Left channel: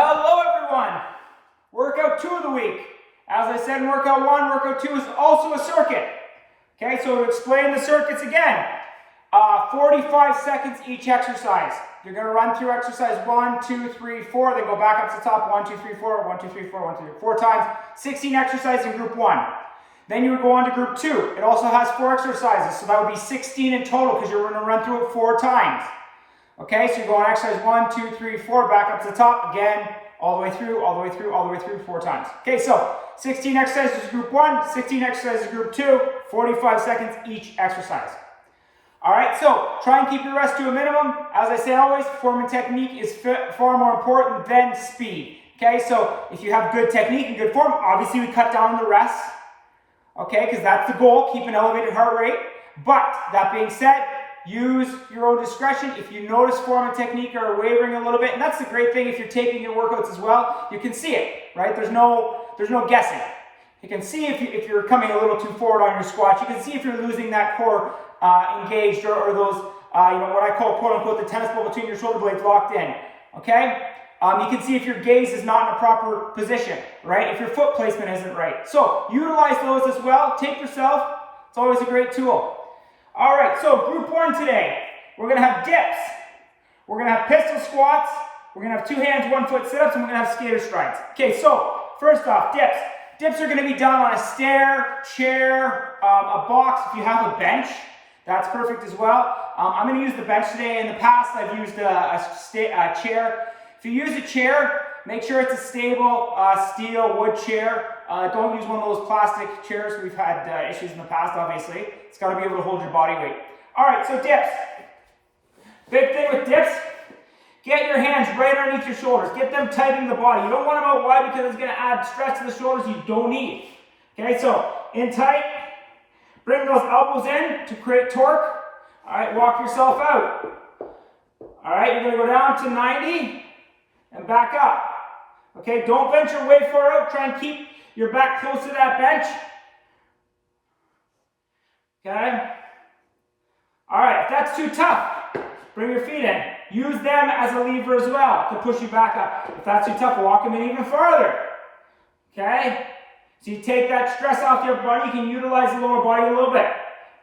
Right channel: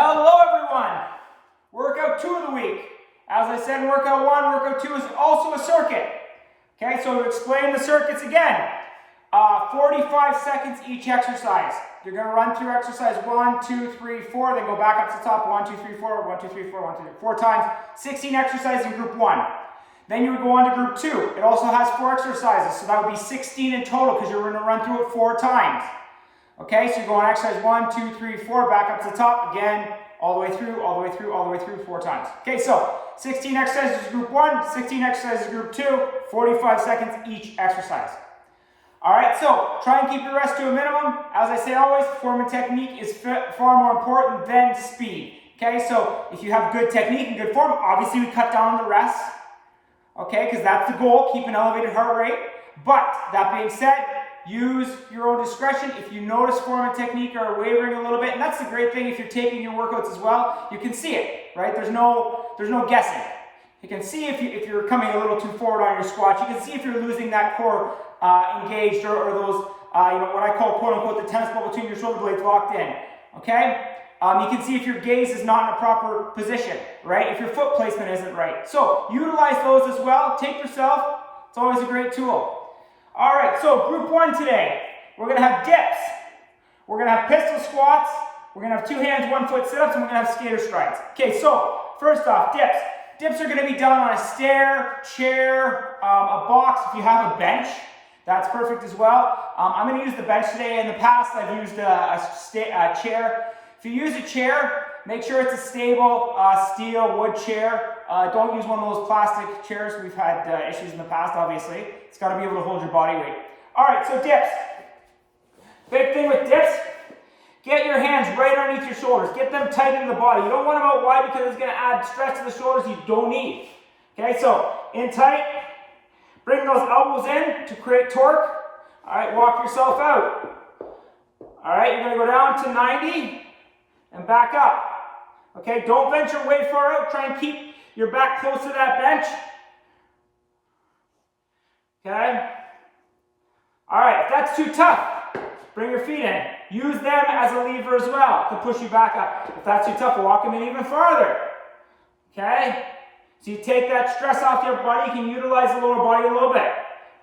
Hello everyone! Workout 2 of the week. As I said in workout 1, workout 2 is also a circuit. Okay, so to explain the circuits again, 45 seconds each exercise. You're going to run through exercise 1, 2, 3, 4, then go back up to the top, 1, 2, 3, 4, 1, 2, 3, 4, 1, 2, 3, 4 times, 16 exercises in group 1. Then you would go on to group 2. It also has 4 exercises, so that would be 16 in total because you're going to run through it 4 times. Okay, so you go on exercise 1, 2, 3, 4, back up to the top, again, all the way through, all the way through, all the way through 4 times. Okay, so 16 exercises group 1, 16 exercises group 2, 45 seconds each exercise. All right, so try and keep your rest to a minimum. As I say always, form and technique is far more important than speed. Okay, so if you have good technique and good form, obviously we cut down on the rest. Okay, because that's the goal, keep an elevated heart rate. But that being said, use your own discretion. If you notice form and technique are wavering a little bit, and that's the great thing if you're taping your workouts as well, you can see it, right? There's no guessing. You can see if you're coming a little too forward on your squats. You can see if you're losing that core engaged or those, what I call quote unquote the tennis ball between your shoulder blades locked in, okay? You can see if your gaze is not in a proper position, right? If your foot placement isn't right. So utilize those as well. Tape yourself. It's always a great tool. All right, so group 1 today, we're going to have dips. We're going to have pistol squats. We're going to have 2 hands, 1 foot sit-ups, and we're going to have skater strides. Okay, so first off, dips. Dips are going to be done on a stair, chair, a box. If you have a bench, that's perfect as well. I'm going to use the bench today. In the past, I've used a chair. If you use a chair, make sure it's a stable steel wood chair. Don't use one of those plastic chairs. We've had issues in the past, obviously. It's got to be able to hold your body weight. All right, so dips. Big thing with dips, get your hands right underneath your shoulders. Get them tight in the body. You don't want them out wide because it's going to add stress to the shoulders you don't need. Okay, so in tight, bring those elbows in to create torque. All right, walk yourself out. All right, you're going to go down to 90 and back up. Okay, don't venture way far out. Try and keep your back close to that bench. Okay? All right, if that's too tough, bring your feet in. Use them as a lever as well to push you back up. If that's too tough, walk them in even farther. Okay? So you take that stress off your body, you can utilize the lower body a little bit.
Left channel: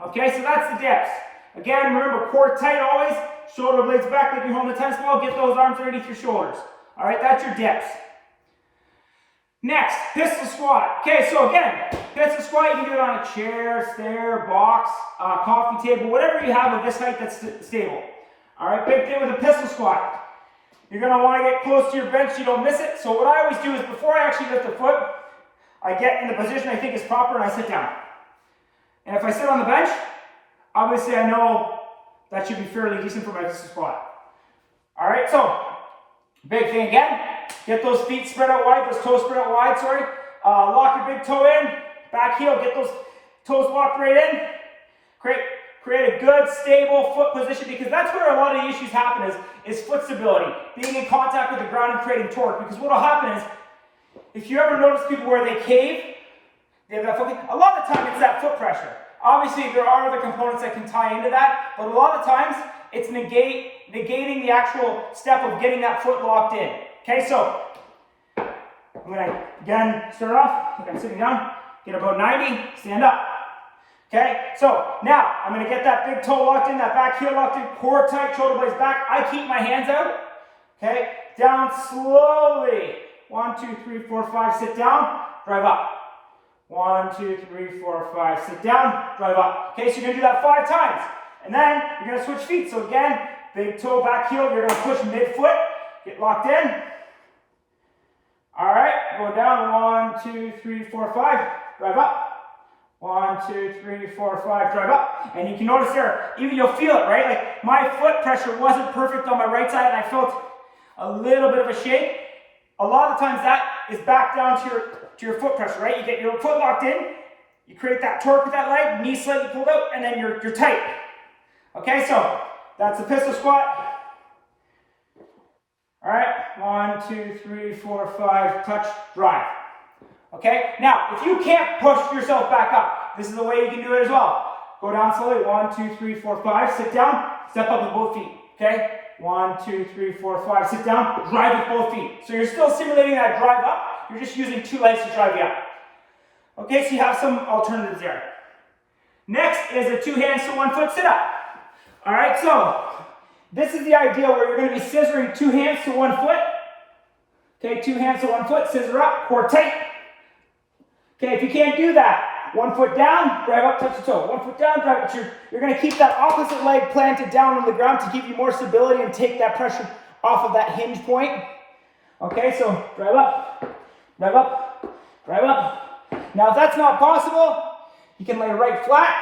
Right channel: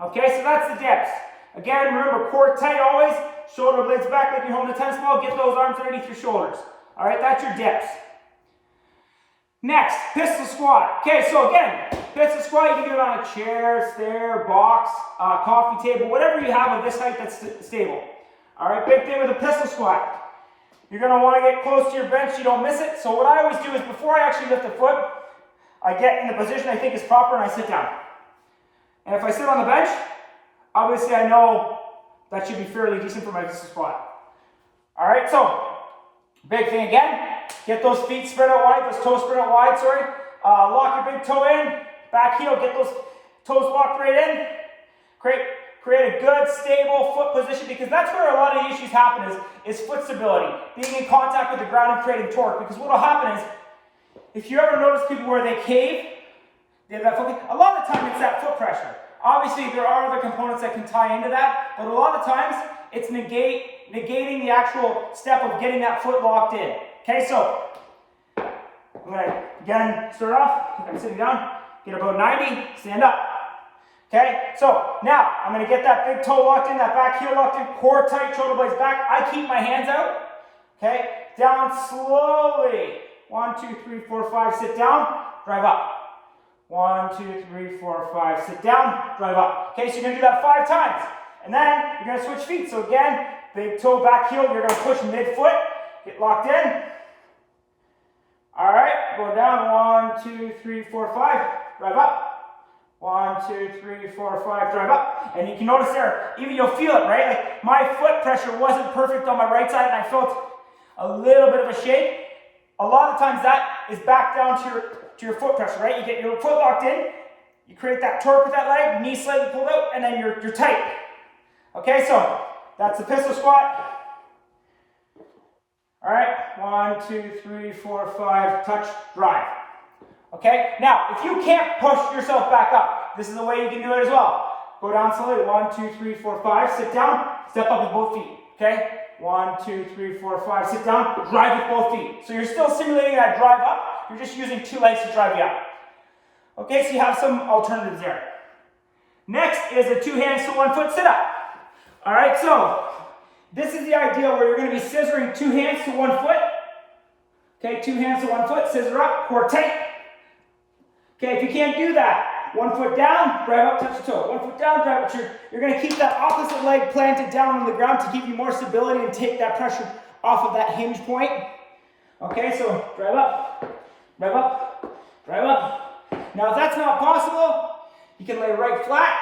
Okay, so that's the dips. Again, remember, core tight always, shoulder blades back like you're holding a tennis ball, get those arms underneath your shoulders. All right, that's your dips. Next, pistol squat. Okay, so again, pistol squat, you can do it on a chair, stair, box, coffee table, whatever you have of this height that's stable. All right, big thing with a pistol squat. You're going to want to get close to your bench so you don't miss it. So what I always do is before I actually lift a foot, I get in the position I think is proper and I sit down. And if I sit on the bench, obviously I know that should be fairly decent for my pistol squat. All right, so big thing again, get those feet spread out wide, those toes spread out wide, sorry. Lock your big toe in, back heel, get those toes locked right in. Create a good, stable foot position because that's where a lot of the issues happen is foot stability, being in contact with the ground and creating torque. Because what will happen is, if you ever notice people where they cave, they have that foot, a lot of the time it's that foot pressure. Obviously, there are other components that can tie into that, but a lot of times it's negating the actual step of getting that foot locked in. Okay, so I'm going to again start off. I'm sitting down, get about 90, stand up. Okay, so now I'm going to get that big toe locked in, that back heel locked in, core tight, shoulder blades back. I keep my hands out. Okay, down slowly. 1, 2, 3, 4, 5, sit down, drive up. 1, 2, 3, 4, 5, sit down, drive up. Okay, so you're going to do that 5 times. And then you're going to switch feet. So again, big toe, back heel, you're going to push mid-foot, get locked in. All right, go down, 1, 2, 3, 4, 5, drive up. 1, 2, 3, 4, 5, drive up. And you can notice there, even you'll feel it, right? Like my foot pressure wasn't perfect on my right side and I felt a little bit of a shake. A lot of times that is back down to your foot pressure, right? You get your foot locked in, you create that torque with that leg, knee slightly pulled out, and then you're tight. Okay, so that's the pistol squat. All right, 1, 2, 3, 4, 5, touch, drive. Okay, now if you can't push yourself back up, this is the way you can do it as well. Go down slowly, 1, 2, 3, 4, 5, sit down, step up with both feet. Okay, 1, 2, 3, 4, 5. Sit down, drive with both feet. So you're still simulating that drive up. You're just using 2 legs to drive you up. Okay, so you have some alternatives there. Next is a 2 hands to 1 foot sit-up. All right, so this is the idea where you're going to be scissoring 2 hands to 1 foot. Okay, 2 hands to 1 foot, scissor up, core tight. Okay, if you can't do that, 1 foot down, drive up, touch the toe. 1 foot down, drive up. You're going to keep that opposite leg planted down on the ground to give you more stability and take that pressure off of that hinge point. Okay, so drive up, drive up, drive up. Now, if that's not possible, you can lay right flat.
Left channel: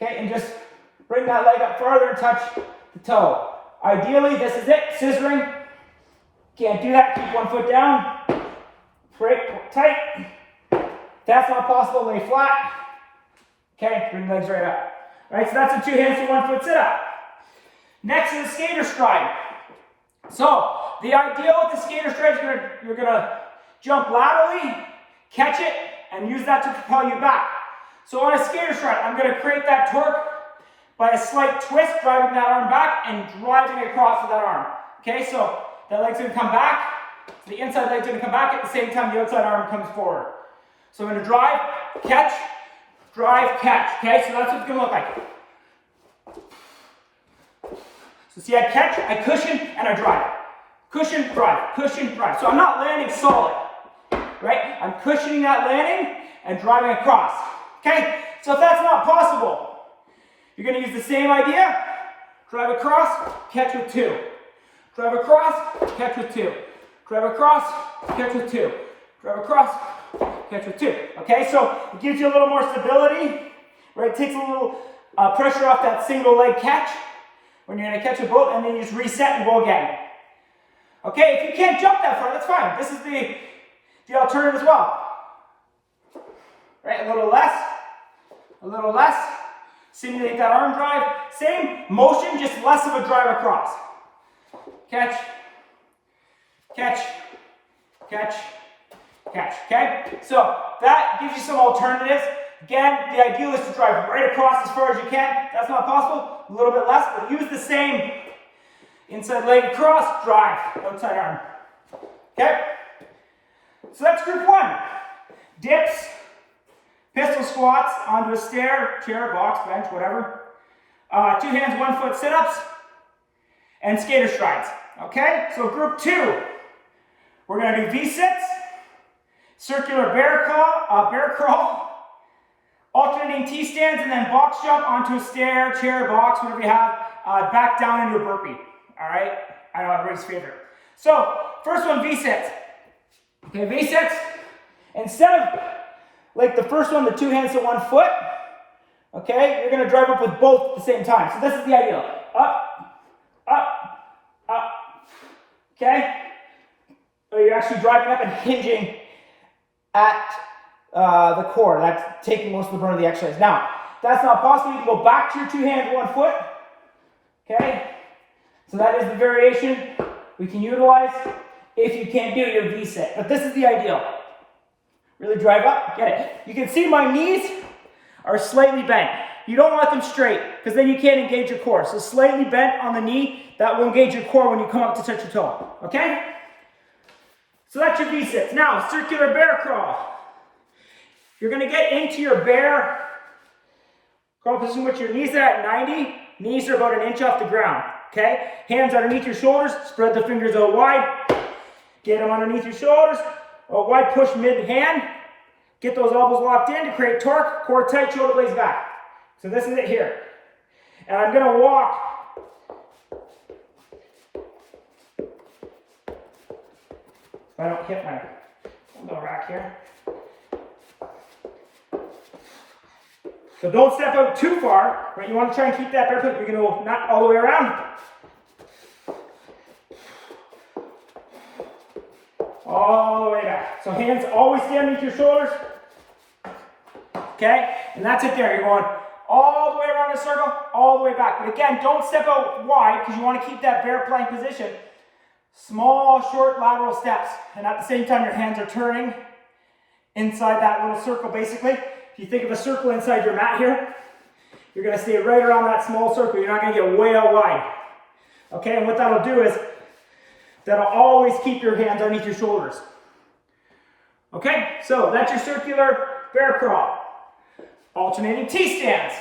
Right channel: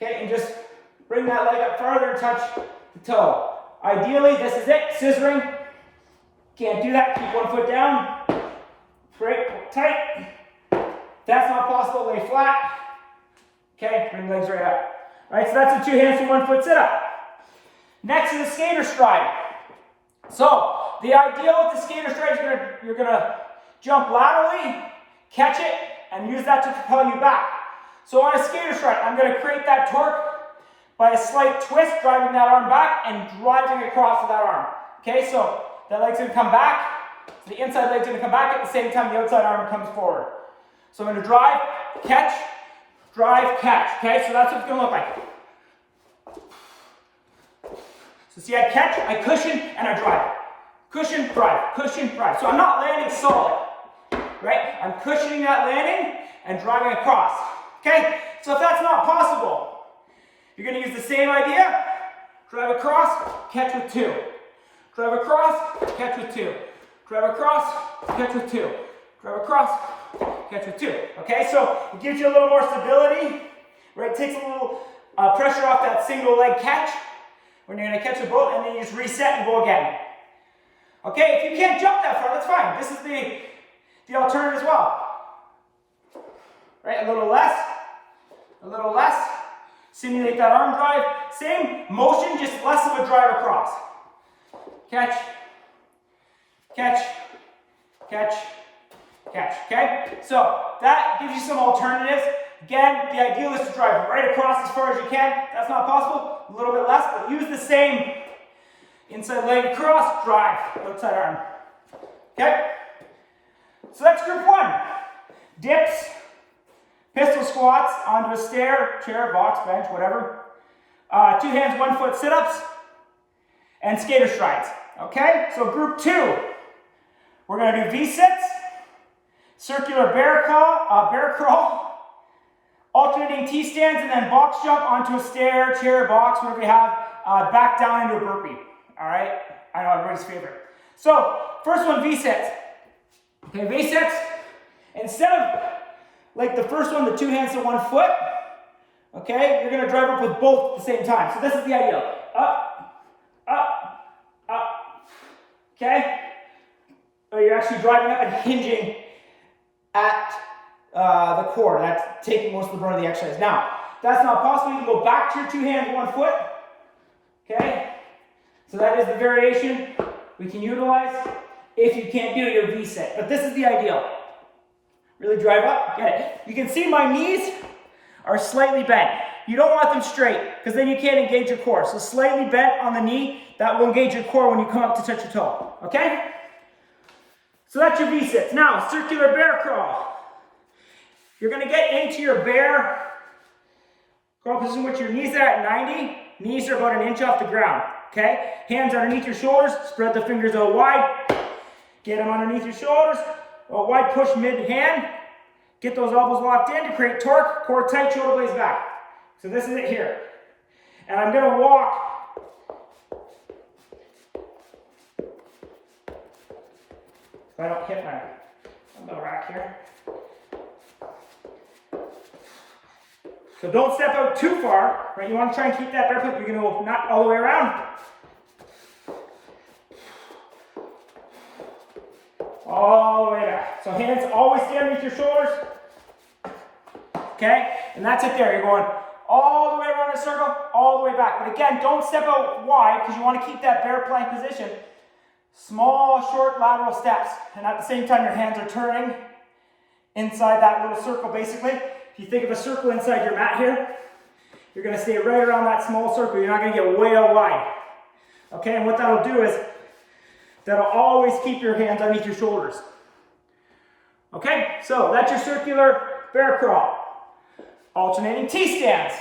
Okay, and just bring that leg up farther and touch the toe. Ideally, this is it, scissoring. Can't do that, keep 1 foot down. Right, tight. If that's not possible, lay flat. Okay, bring legs right up. All right, so that's a 2 hands to 1 foot sit-up. Next is skater stride. So, the idea with the skater stride is you're gonna jump laterally, catch it, and use that to propel you back. So on a skater stride, I'm gonna create that torque by a slight twist, driving that arm back and driving across with that arm. Okay, so that leg's gonna come back. So the inside leg's gonna come back at the same time the outside arm comes forward. So I'm gonna drive, catch, okay? So that's what it's gonna look like. So see, I catch, I cushion, and I drive. Cushion, drive, cushion, drive. So I'm not landing solid, right? I'm cushioning that landing and driving across, okay? So if that's not possible, you're gonna use the same idea. Drive across, catch with 2. Drive across, catch with 2. Drive across, catch with 2. Drive across, catch with 2. Okay, so it gives you a little more stability, right? It takes a little pressure off that single leg catch when you're gonna catch a boat, and then you just reset and go again. Okay, if you can't jump that far, that's fine. This is the alternative as well. Right, a little less. Simulate that arm drive. Same motion, just less of a drive across. Catch, catch, catch, catch, okay? So that gives you some alternatives. Again, the ideal is to drive right across as far as you can. That's not possible, a little bit less, but use the same inside leg across, drive, outside arm. Okay? So that's group 1. Dips, pistol squats onto a stair, chair, box, bench, whatever. 2 hands, 1 foot sit-ups, and skater strides. Okay? So group 2, we're going to do V-sits, circular bear crawl, alternating T-stands, and then box jump onto a stair, chair, box, whatever you have, back down into a burpee. All right? I know, everybody's favorite. So, first one, V-sits. Okay, V-sits, instead of like the first one, the 2 hands to 1 foot, okay, you're going to drive up with both at the same time. So this is the ideal. Up, up, up. Okay? Or you're actually driving up and hinging at the core. That's taking most of the burn of the exercise. Now, if that's not possible, you can go back to your 2 hands, 1 foot. Okay? So that is the variation we can utilize if you can't do your V-sit. But this is the ideal. Really drive up, get it. You can see my knees are slightly bent. You don't want them straight, because then you can't engage your core. So slightly bent on the knee, that will engage your core when you come up to touch your toe. Okay? So that's your V-sits. Now, circular bear crawl. You're going to get into your bear crawl position with your knees are at 90. Knees are about 1 inch off the ground. Okay? Hands underneath your shoulders. Spread the fingers out wide. Get them underneath your shoulders. A wide push mid-hand. Get those elbows locked in to create torque. Core tight, shoulder blades back. So this is it here. And I'm going to walk if I don't hit my dumbbell rack here. So don't step out too far, right? You want to try and keep that barefoot. You're going to go not all the way around. All the way back. So hands always stay underneath your shoulders. Okay? And that's it there. You're going all the way around the circle, all the way back. But again, don't step out wide because you want to keep that bear plank position. Small, short lateral steps. And at the same time, your hands are turning inside that little circle, basically. If you think of a circle inside your mat here, you're going to stay right around that small circle. You're not going to get way out wide. Okay, and what that'll do is that'll always keep your hands underneath your shoulders. Okay, so that's your circular bear crawl. Alternating T-stands.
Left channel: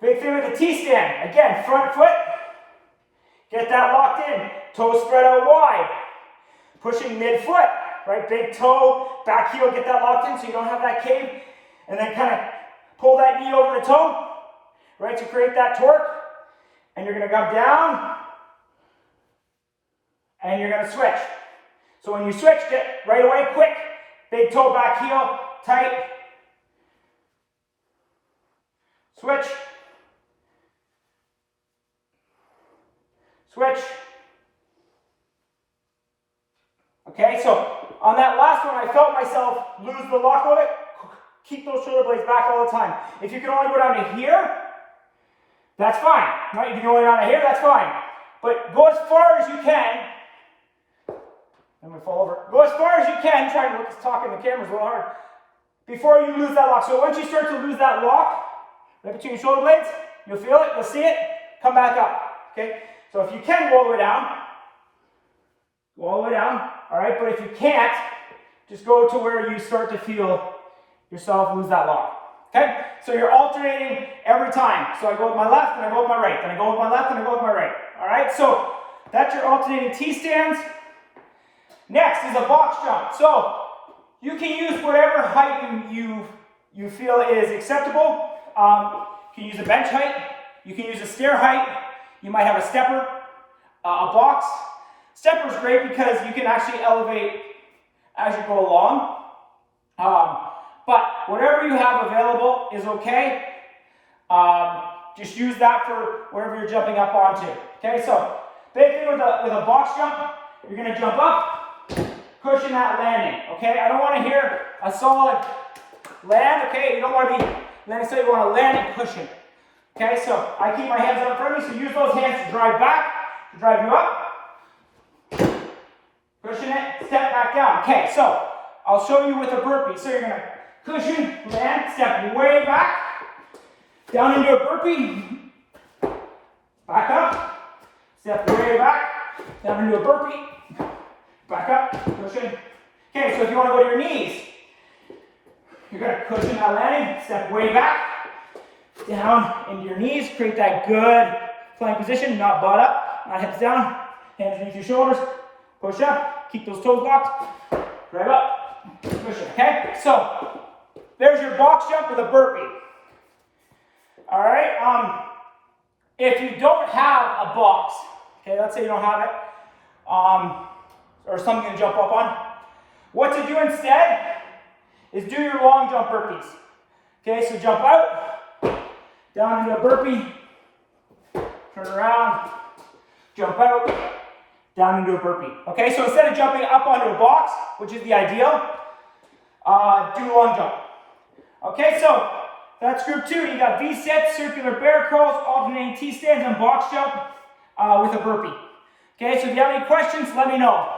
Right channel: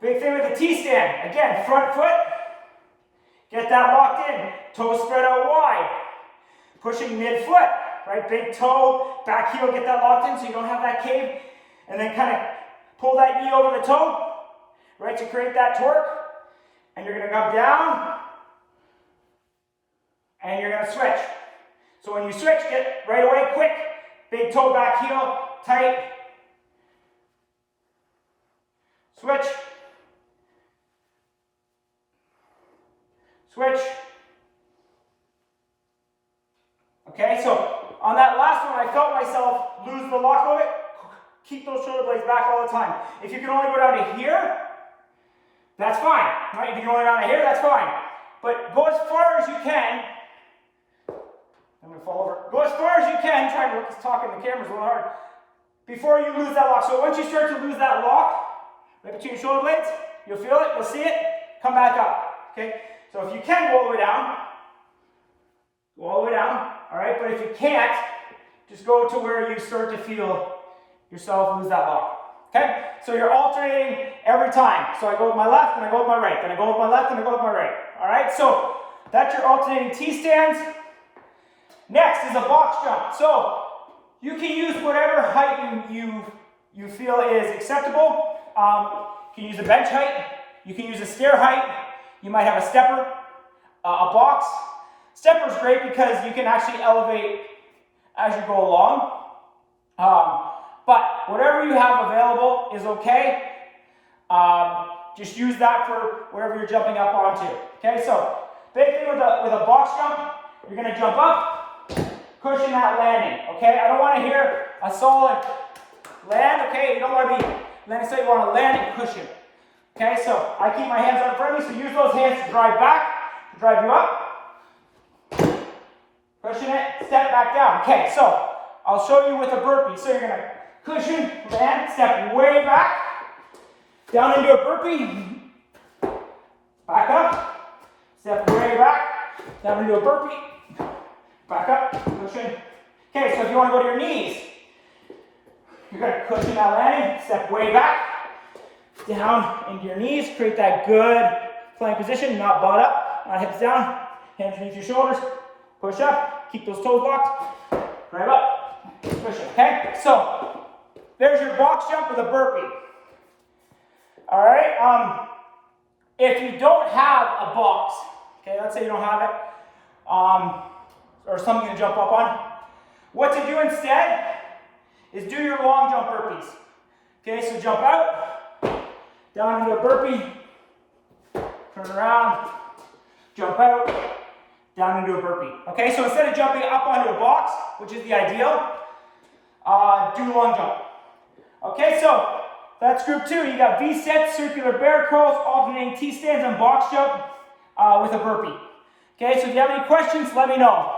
Big thing with the T-stand, again, front foot, get that locked in, toes spread out wide, pushing mid-foot, right, big toe, back heel, get that locked in so you don't have that cave, and then kind of pull that knee over the toe, right, to create that torque, and you're going to come down, and you're going to switch. So when you switch, get right away, quick, big toe, back heel, tight, switch, switch. Okay, so on that last one, I felt myself lose the lock of it. Keep those shoulder blades back all the time. If you can only go down to here, that's fine. Right? If you can go down to here, that's fine. But go as far as you can. I'm going to fall over. Go as far as you can. Try to look, talking the camera's a little hard. Before you lose that lock. So once you start to lose that lock, right between your shoulder blades, you'll feel it, you'll see it, come back up. Okay? So if you can go all the way down, go all the way down. All right? But if you can't, just go to where you start to feel yourself lose that lock. Okay? So you're alternating every time. So I go with my left, and I go with my right. Then I go with my left, and I go with my right. All right? So that's your alternating T-stands. Next is a box jump. So you can use whatever height you feel is acceptable. You can use a bench height. You can use a stair height. You might have a stepper, a box. Stepper is great because you can actually elevate as you go along. But whatever you have available is okay. Just use that for whatever you're jumping up onto. Okay, so big thing with a box jump, you're going to jump up, cushion that landing. Okay, I don't want to hear a solid land. Okay, you don't want to be landing, so you want to land and cushion. Okay, so I keep my hands up in front of me, so use those hands to drive back, to drive you up. Cushion it, step back down. Okay, so I'll show you with a burpee. So you're going to cushion, land, step way back, down into a burpee, back up, step way back, down into a burpee, back up, cushion. Okay, so if you want to go to your knees, you're going to cushion that landing, step way back, down into your knees, create that good plank position, not butt up, not hips down, hands beneath your shoulders, push up, keep those toes locked, drive up, cushion, okay? So, there's your box jump with a burpee. All right, if you don't have a box, okay, let's say you don't have it, or something to jump up on, what to do instead is do your long jump burpees. Okay, so jump out, down into a burpee, turn around, jump out, down into a burpee. Okay, so instead of jumping up onto a box, which is the ideal, do a long jump. Okay, so that's group 2. You got V-sets, circular bear crawls, alternating T-stands, and box jump with a burpee. Okay, so if you have any questions, let me know.